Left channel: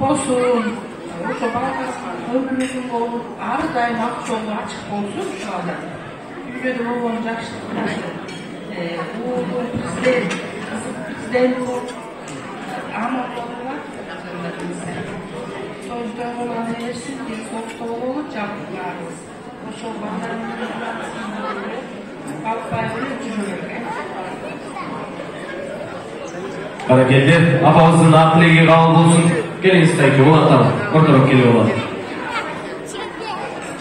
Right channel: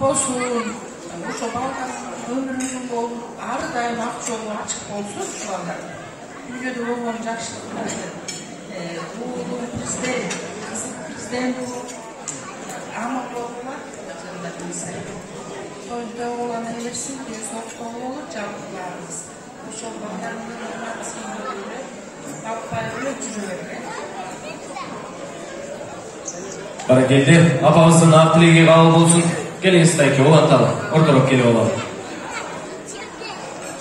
болсун, ошо бала өмүрүнүн болуп, ар дайым ак жолу ачык болсун ушул анда. Үйдө болгон жакшылык менен уулу президент, кызы президент болуп, амал болуп, тойголаны элесин, соктоо болуп жабылабыз. Ошол балдардын баппай жүрө берет. Баракелде, апамыздын ак тилеги кабыл болсун. Келиңиз тайке, улатталы, ортороп келип алалы.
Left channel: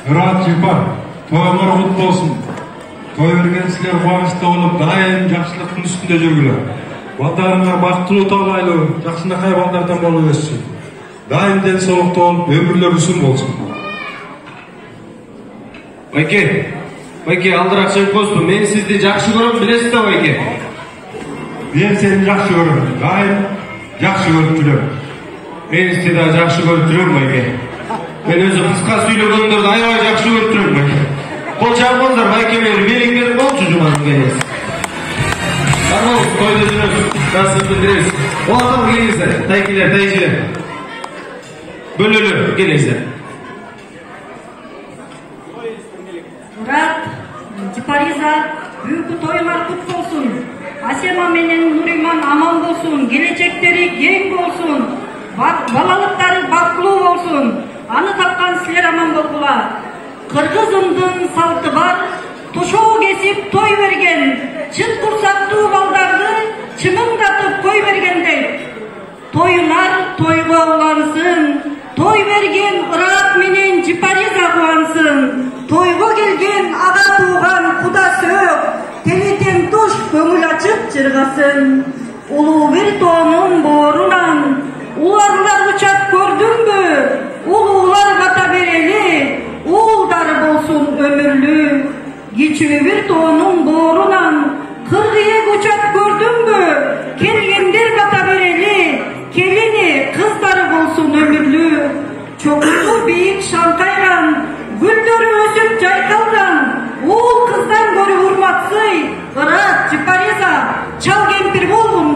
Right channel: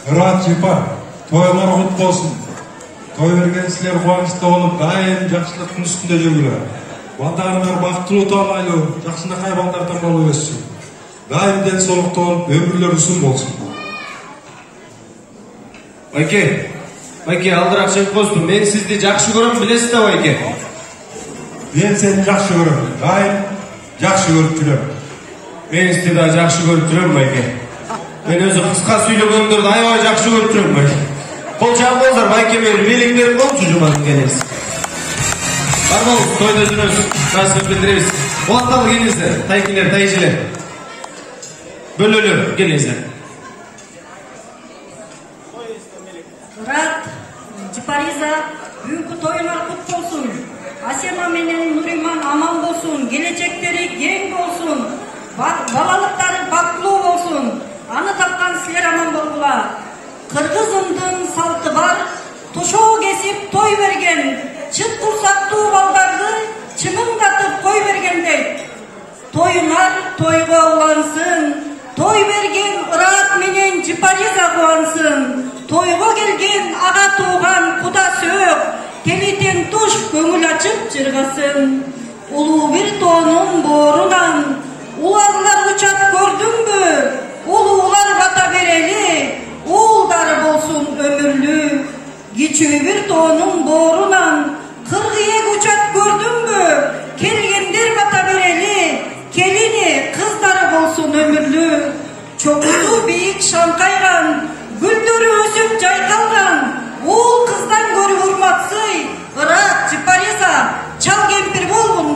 Мурат Жипар, тойлор кут болсун. Той берген силер кубанычта болуп, дайым жакшылыктын үстүндө жүргүлөр. Балдарыңар бактылуу таалайлуу, жакшынакай балдардан болуп өссүн. Дайым ден соолукта болуп, өмүрлөр узун болсун. Байке, алдыраак чыгып коюңузбу. Мен сизди жакшы көрөм, билесиз да, Байке? Мен сени жакшы көрөм, дайым жакшы көрүп жүрөм. Мен сизди да жакшы көрүп жүрөм, Байке. Мен өзү кыска сүйлөгөндөрдү аябай жакшы көрүп жүрөм, Байке. Кол чапыңыздар, Байке менен белиң берип коюңузчу жумадын келиңиз. Бармал, тойдо жүрөбүз, расмат билдиребиз. Улатталы келиңиздер, тайкелер, тайжелер. Бөлөлү, келиңиздер. Мурат, Жипариза, бүгүнкү тоюңар кут болсун. Асема менен Нуриман аман болсун, келечектери кең болсун, балалыктары бактылуу болсун. Аны тапкан силер аман болгула. Кыргызымдын салты бар, тошоо кесип той берген, чын курсактуу балдарды чымыңдатып кой бергендей. Тоюңар тойго улансын, той берген Ырат менен Жипариза кубансын. Тойго келген ага тууган куда сөөк, телитен туш көңүл ачып жыргасын. Улуу бир тоонун боорунан уларлар учат көрдүңбү? Улуулар бата берели, уулдары болсун өмүрлүү. Кичүү бир тоонун боорунан кыргыйек учат көрдүңбү? Келгендер бата берели, келини кыздары болсун өмүрлүү. Чоңду бийик шаңкайган, гүлдөрү өсүп жайкалган, уул кыздан көрү урматсый. Ырат, Жипариза, чал кемпир болгун